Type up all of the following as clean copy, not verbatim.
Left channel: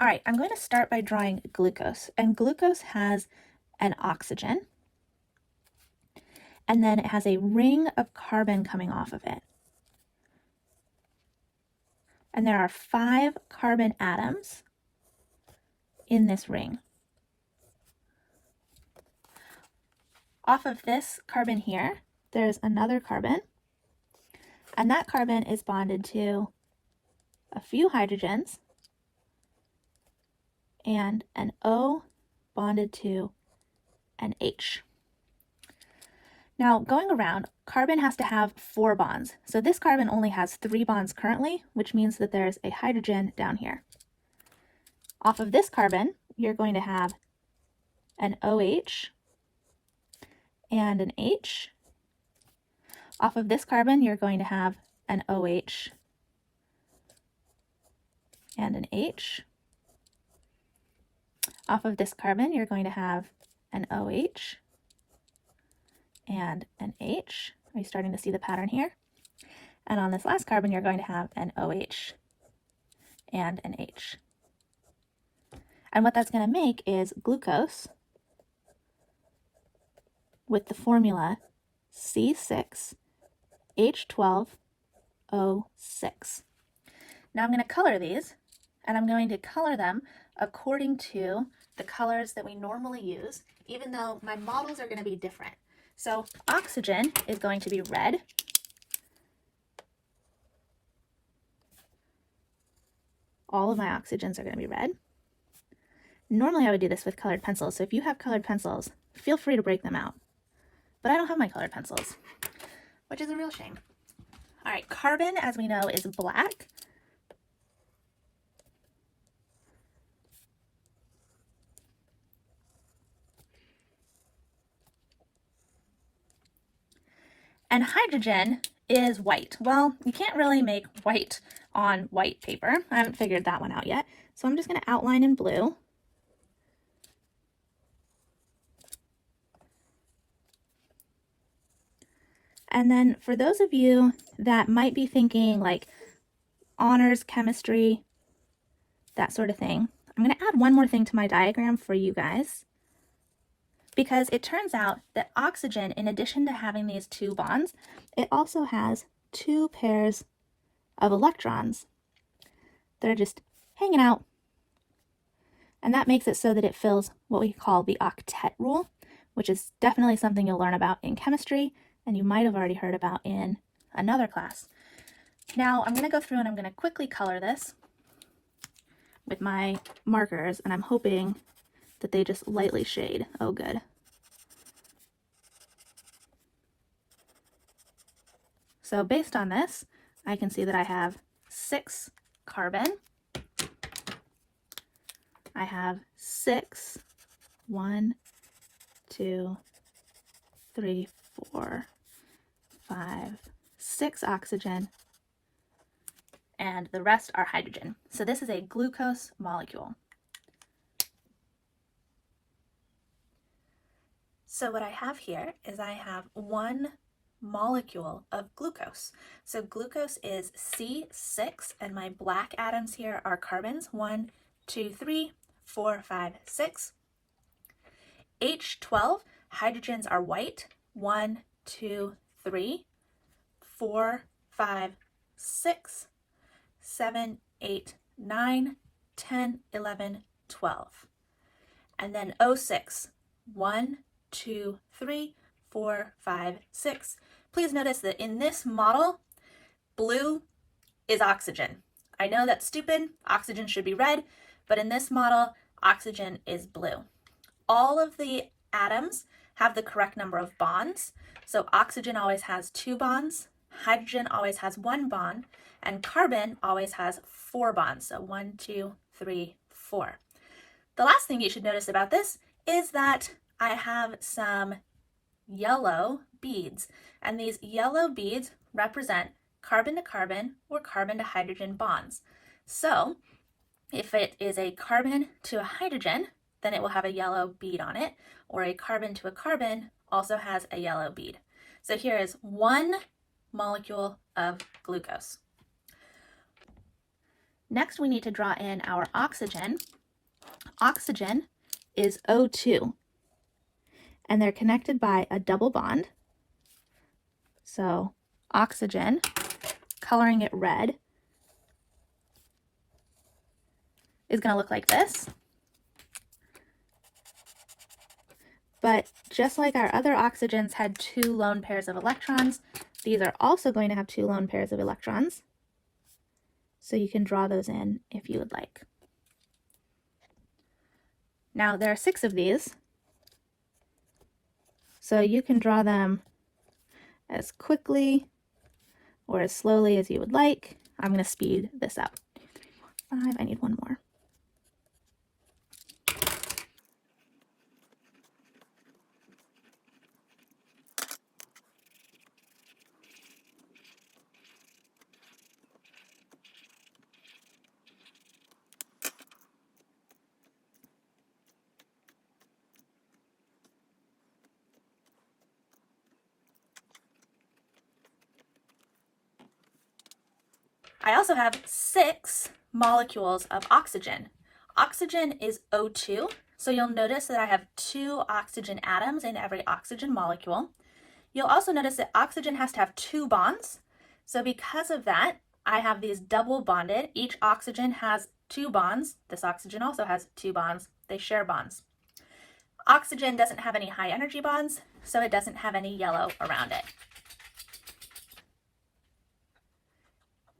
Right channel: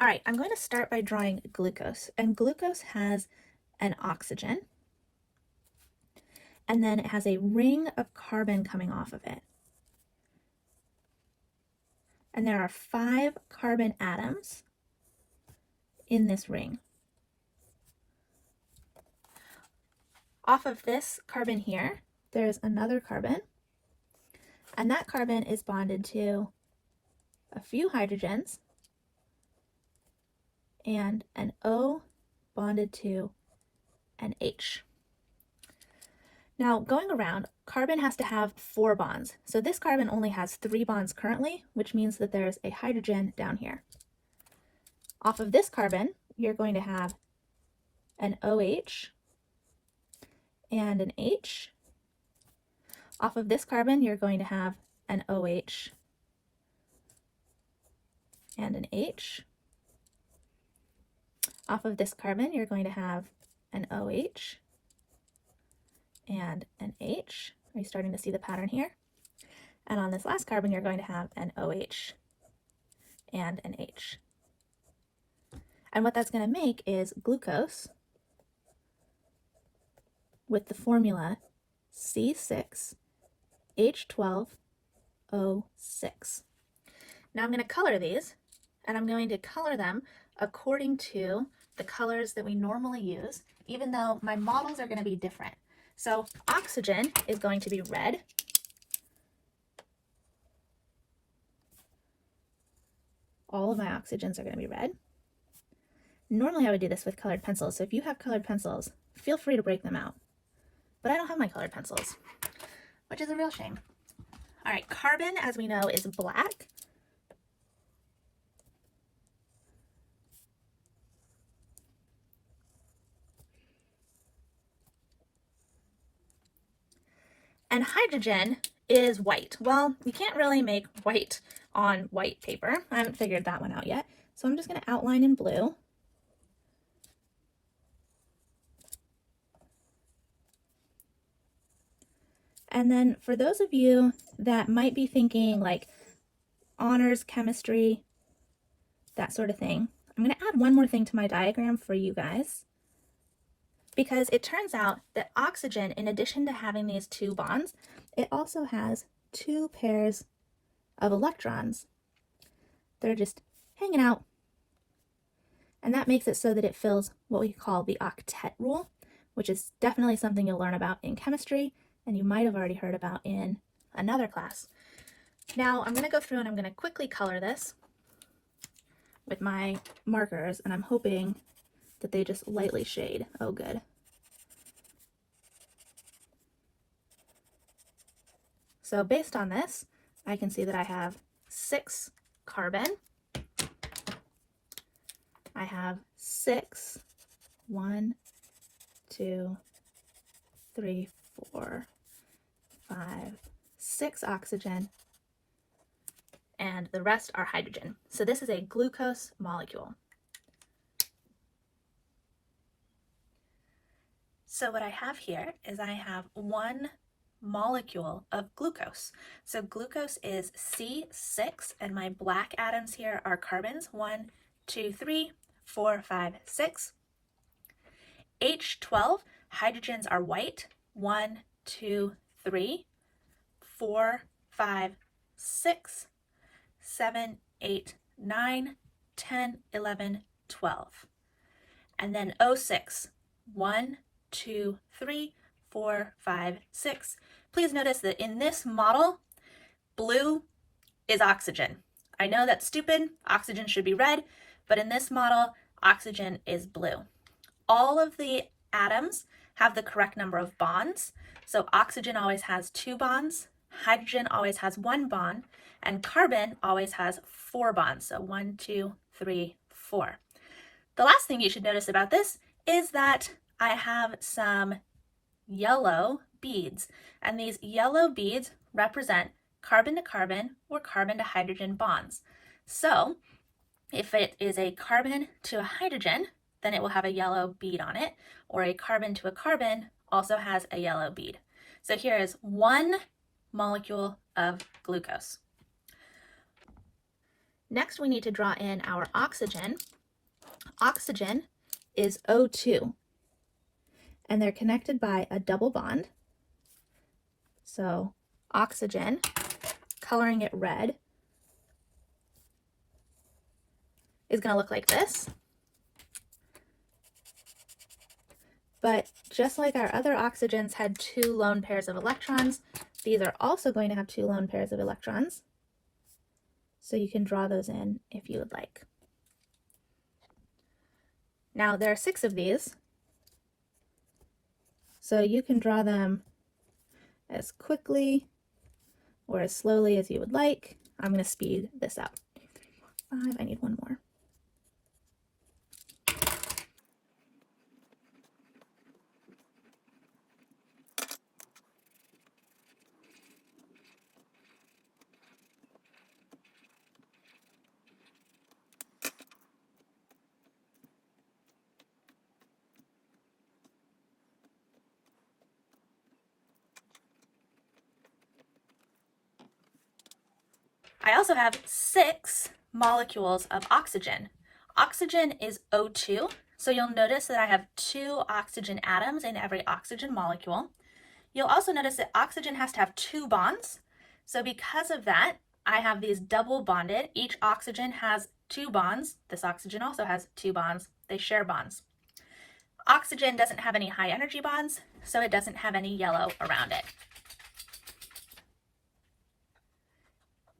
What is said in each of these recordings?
All right, I'm going to start by drawing glucose, and glucose has an oxygen, and then it has a ring of carbon coming off of it. And there are 5 carbon atoms in this ring. Off of this carbon here, there's another carbon, and that carbon is bonded to a few hydrogens and an O bonded to an H. Now, going around, carbon has to have 4 bonds. So this carbon only has 3 bonds currently, which means that there's a hydrogen down here. Off of this carbon, you're going to have an OH and an H. Off of this carbon, you're going to have an OH and an H. Off of this carbon, you're going to have an OH and an H. Are you starting to see the pattern here? And on this last carbon, you're going to have an OH and an H. And what that's going to make is glucose with the formula C6H12O6. Now I'm going to color these, and I'm going to color them according to the colors that we normally use, even though my models are going to be different. So oxygen is going to be red. All of my oxygens are going to be red. Normally I would do this with colored pencils, so if you have colored pencils, feel free to break them out. But I don't have my colored pencils, which is a real shame. All right, carbon, as we know, is black. And hydrogen is white. Well, you can't really make white on white paper. I haven't figured that one out yet. So I'm just going to outline in blue. And then for those of you that might be thinking like honors chemistry, that sort of thing, I'm going to add one more thing to my diagram for you guys, because it turns out that oxygen, in addition to having these 2 bonds, it also has 2 pairs of electrons that are just hanging out. And that makes it so that it fills what we call the octet rule, which is definitely something you'll learn about in chemistry, and you might have already heard about in another class. Now I'm going to go through and I'm going to quickly color this with my markers, and I'm hoping that they just lightly shade. Oh, good. So based on this, I can see that I have 6 carbon. I have 6, 1, 2, 3, 4, 5, 6 oxygen, and the rest are hydrogen. So this is a glucose molecule. So what I have here is I have 1 molecule of glucose. So glucose is C6, and my black atoms here are carbons, 1, 2, 3, 4, 5, 6. H12, hydrogens are white, 1, 2, 3, 4, 5, 6, 7, 8, 9, 10, 11, 12. And then O6, 1, 2, 3, 4, 5, 6. Please notice that in this model, blue is oxygen. I know that's stupid, oxygen should be red, but in this model, oxygen is blue. All of the atoms have the correct number of bonds. So oxygen always has 2 bonds, hydrogen always has 1 bond, and carbon always has 4 bonds. So 1, 2, 3, 4. The last thing you should notice about this is that I have some yellow beads, and these yellow beads represent carbon to carbon or carbon to hydrogen bonds. So if it is a carbon to a hydrogen, then it will have a yellow bead on it, or a carbon to a carbon also has a yellow bead. So here is 1 molecule of glucose. Next, we need to draw in our oxygen. Oxygen is O2, and they're connected by a double bond. So oxygen, coloring it red, is going to look like this. But just like our other oxygens had 2 lone pairs of electrons, these are also going to have 2 lone pairs of electrons. So you can draw those in if you would like. Now there are 6 of these, so you can draw them as quickly or as slowly as you would like. I'm going to speed this up. 5, I need one more. I also have 6 molecules of oxygen. Oxygen is O2, so you'll notice that I have 2 oxygen atoms in every oxygen molecule. You'll also notice that oxygen has to have 2 bonds. So because of that, I have these double bonded. Each oxygen has 2 bonds. This oxygen also has 2 bonds. They share bonds. Oxygen doesn't have any high energy bonds, so it doesn't have any yellow around it.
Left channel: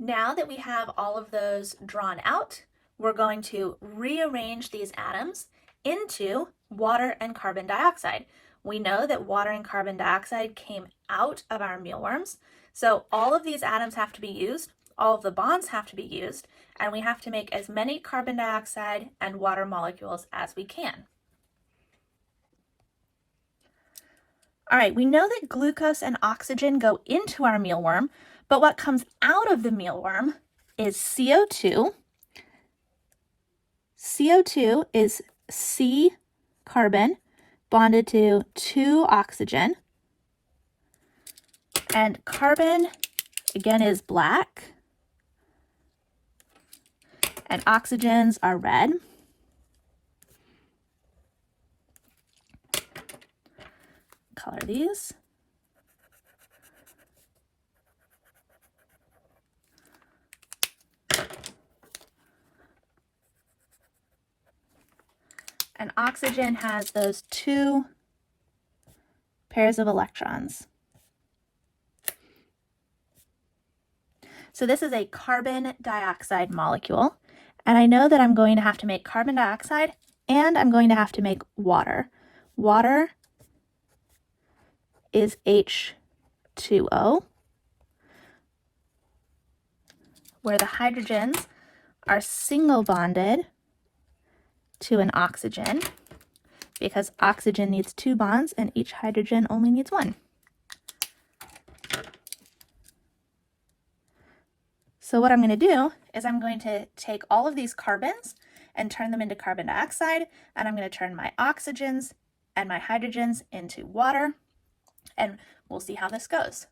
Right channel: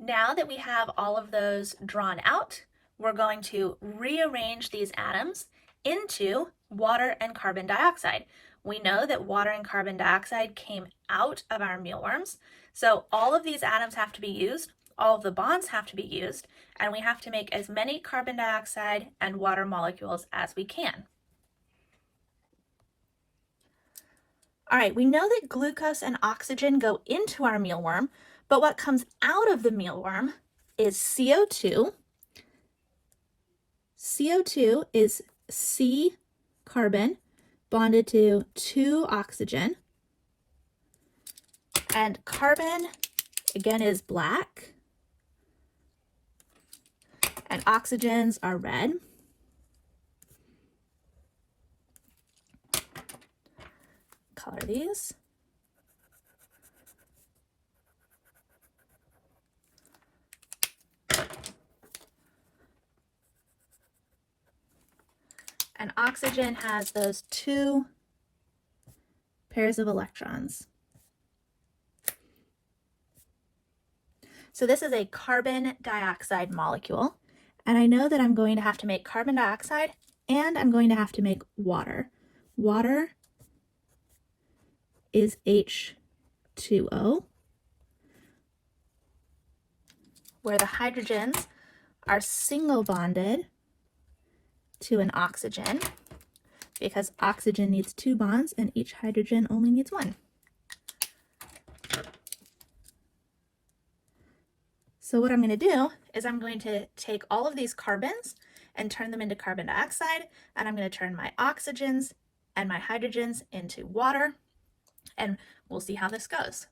Now that we have all of those drawn out, we're going to rearrange these atoms into water and carbon dioxide. We know that water and carbon dioxide came out of our mealworms, so all of these atoms have to be used, all of the bonds have to be used, and we have to make as many carbon dioxide and water molecules as we can. All right, we know that glucose and oxygen go into our mealworm, but what comes out of the mealworm is CO2. CO2 is C carbon bonded to 2 oxygen. And carbon, again, is black. And oxygens are red. Color these. And oxygen has those 2 pairs of electrons. So this is a carbon dioxide molecule, and I know that I'm going to have to make carbon dioxide and I'm going to have to make water. Water is H2O, where the hydrogens are single bonded to an oxygen, because oxygen needs 2 bonds and each hydrogen only needs 1. So what I'm going to do is I'm going to take all of these carbons and turn them into carbon dioxide, and I'm going to turn my oxygens and my hydrogens into water, and we'll see how this goes.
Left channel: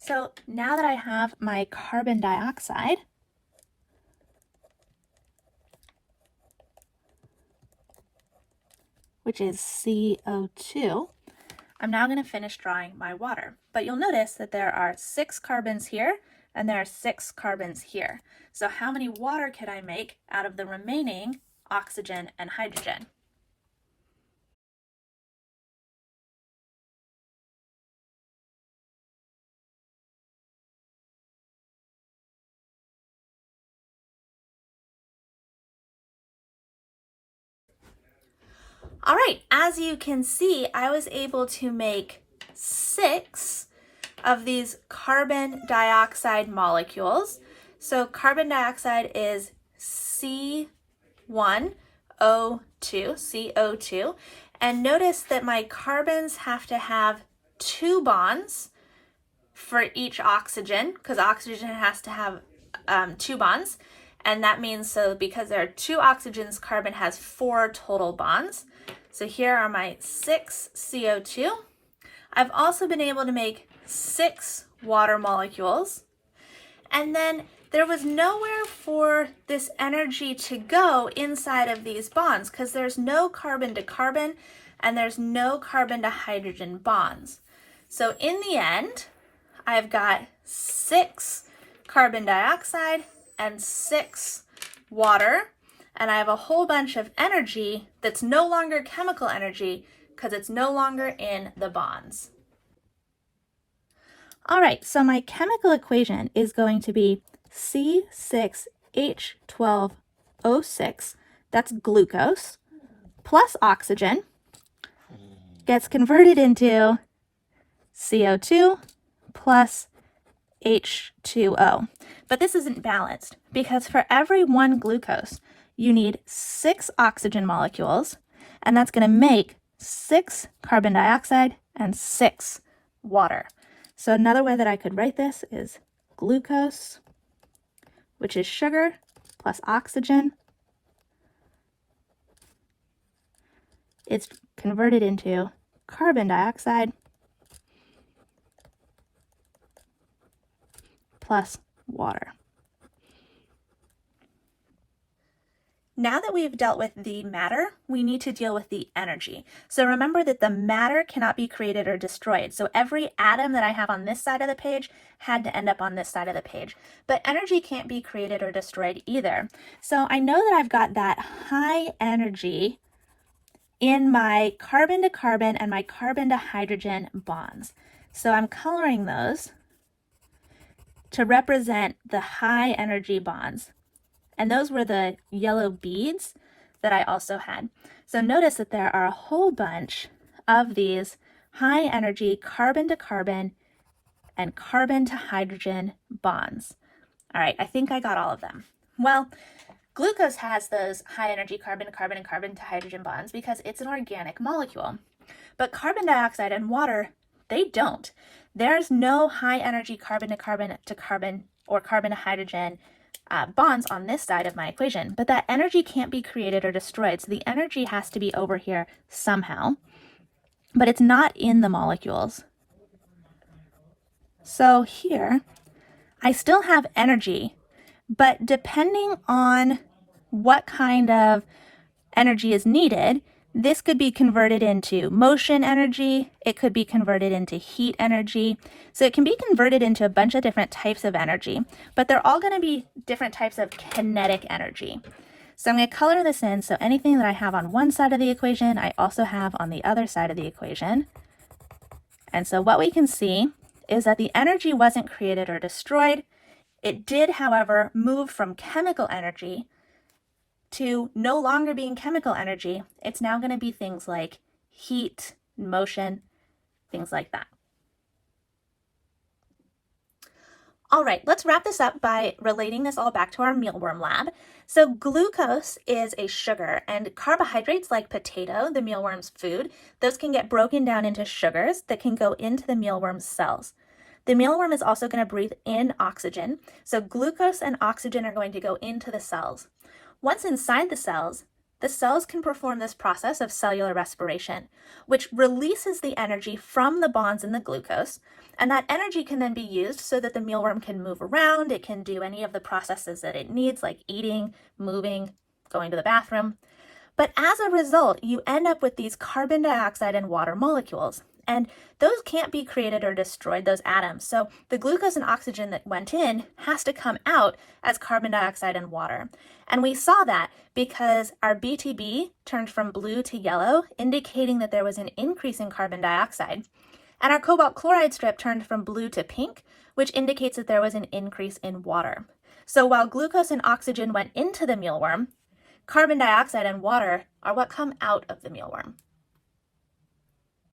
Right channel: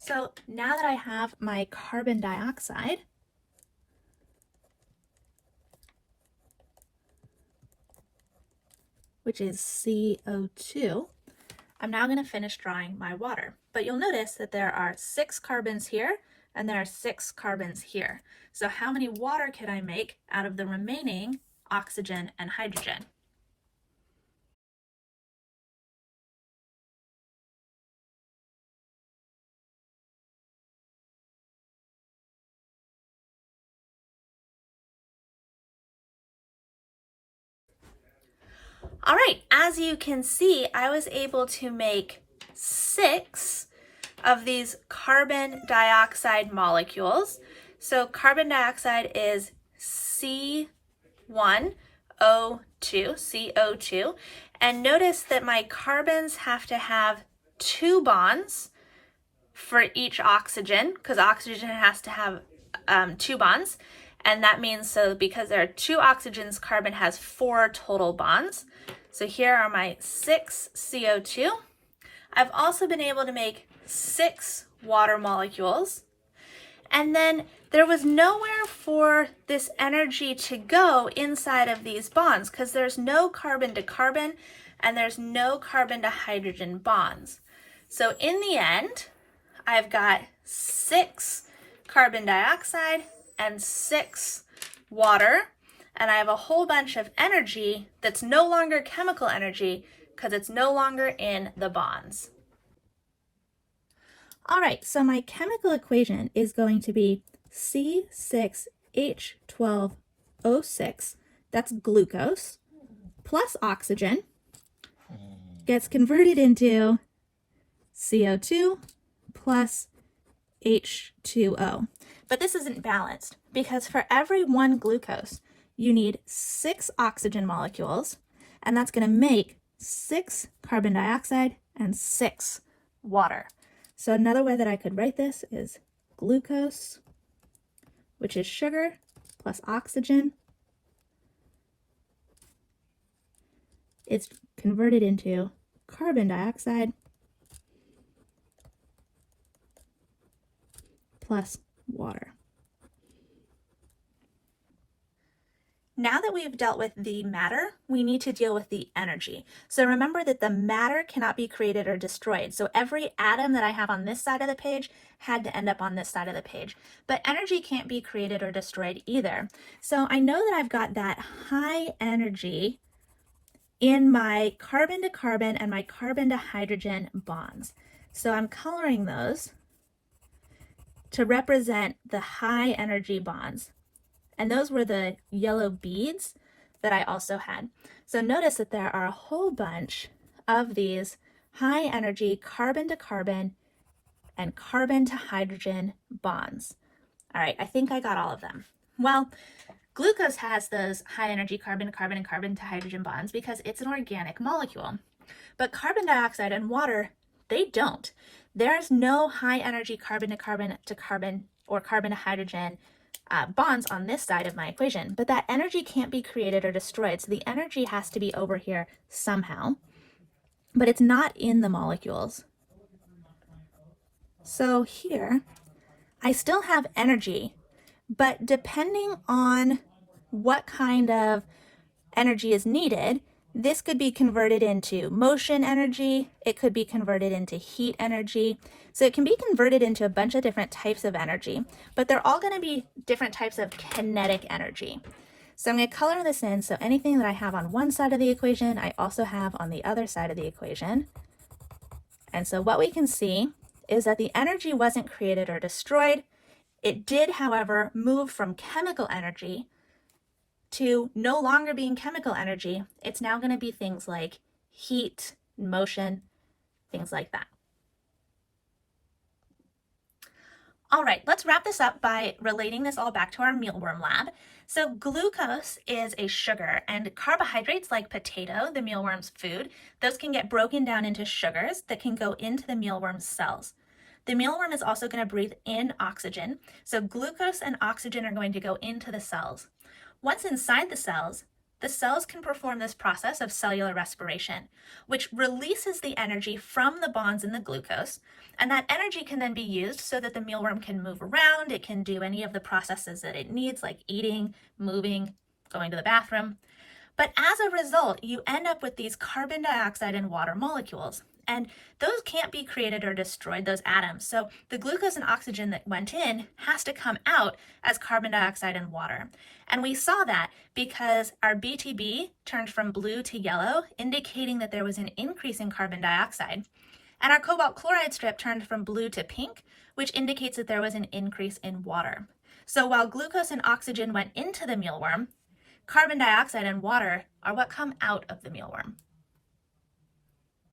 So now that I have my carbon dioxide, which is CO2, I'm now going to finish drawing my water. But you'll notice that there are 6 carbons here and there are 6 carbons here. So how many water can I make out of the remaining oxygen and hydrogen? All right, as you can see, I was able to make 6 of these carbon dioxide molecules. So carbon dioxide is C1O2, CO2. And notice that my carbons have to have 2 bonds for each oxygen, because oxygen has to have 2 bonds. And that means, so because there are 2 oxygens, carbon has 4 total bonds. So here are my 6 CO2. I've also been able to make 6 water molecules. And then there was nowhere for this energy to go inside of these bonds because there's no carbon to carbon and there's no carbon to hydrogen bonds. So in the end, I've got 6 carbon dioxide and 6 water, and I have a whole bunch of energy that's no longer chemical energy because it's no longer in the bonds. All right, so my chemical equation is going to be C6H12O6, that's glucose, plus oxygen, gets converted into CO2 plus H2O. But this isn't balanced because for every 1 glucose, you need 6 oxygen molecules, and that's going to make 6 carbon dioxide and 6 water. So another way that I could write this is glucose, which is sugar, plus oxygen. It's converted into carbon dioxide plus water. Now that we've dealt with the matter, we need to deal with the energy. So remember that the matter cannot be created or destroyed. So every atom that I have on this side of the page had to end up on this side of the page. But energy can't be created or destroyed either. So I know that I've got that high energy in my carbon to carbon and my carbon to hydrogen bonds. So I'm coloring those to represent the high energy bonds. And those were the yellow beads that I also had. So notice that there are a whole bunch of these high energy carbon to carbon and carbon to hydrogen bonds. All right, I think I got all of them. Well, glucose has those high energy carbon to carbon and carbon to hydrogen bonds because it's an organic molecule. But carbon dioxide and water, they don't. There's no high energy carbon to carbon or carbon to hydrogen bonds on this side of my equation, but that energy can't be created or destroyed. So the energy has to be over here somehow, but it's not in the molecules. So here, I still have energy, but depending on what kind of energy is needed, this could be converted into motion energy, it could be converted into heat energy. So it can be converted into a bunch of different types of energy, but they're all going to be different types of kinetic energy. So I'm going to color this in, so anything that I have on one side of the equation, I also have on the other side of the equation. And so what we can see is that the energy wasn't created or destroyed. It did, however, move from chemical energy to no longer being chemical energy. It's now going to be things like heat, motion, things like that. All right, let's wrap this up by relating this all back to our mealworm lab. So glucose is a sugar, and carbohydrates like potato, the mealworm's food, those can get broken down into sugars that can go into the mealworm's cells. The mealworm is also going to breathe in oxygen, so glucose and oxygen are going to go into the cells. Once inside the cells can perform this process of cellular respiration, which releases the energy from the bonds in the glucose, and that energy can then be used so that the mealworm can move around, it can do any of the processes that it needs, like eating, moving, going to the bathroom. But as a result, you end up with these carbon dioxide and water molecules, and those can't be created or destroyed, those atoms. So the glucose and oxygen that went in has to come out as carbon dioxide and water. And we saw that because our BTB turned from blue to yellow, indicating that there was an increase in carbon dioxide. And our cobalt chloride strip turned from blue to pink, which indicates that there was an increase in water. So while glucose and oxygen went into the mealworm, carbon dioxide and water are what come out of the mealworm.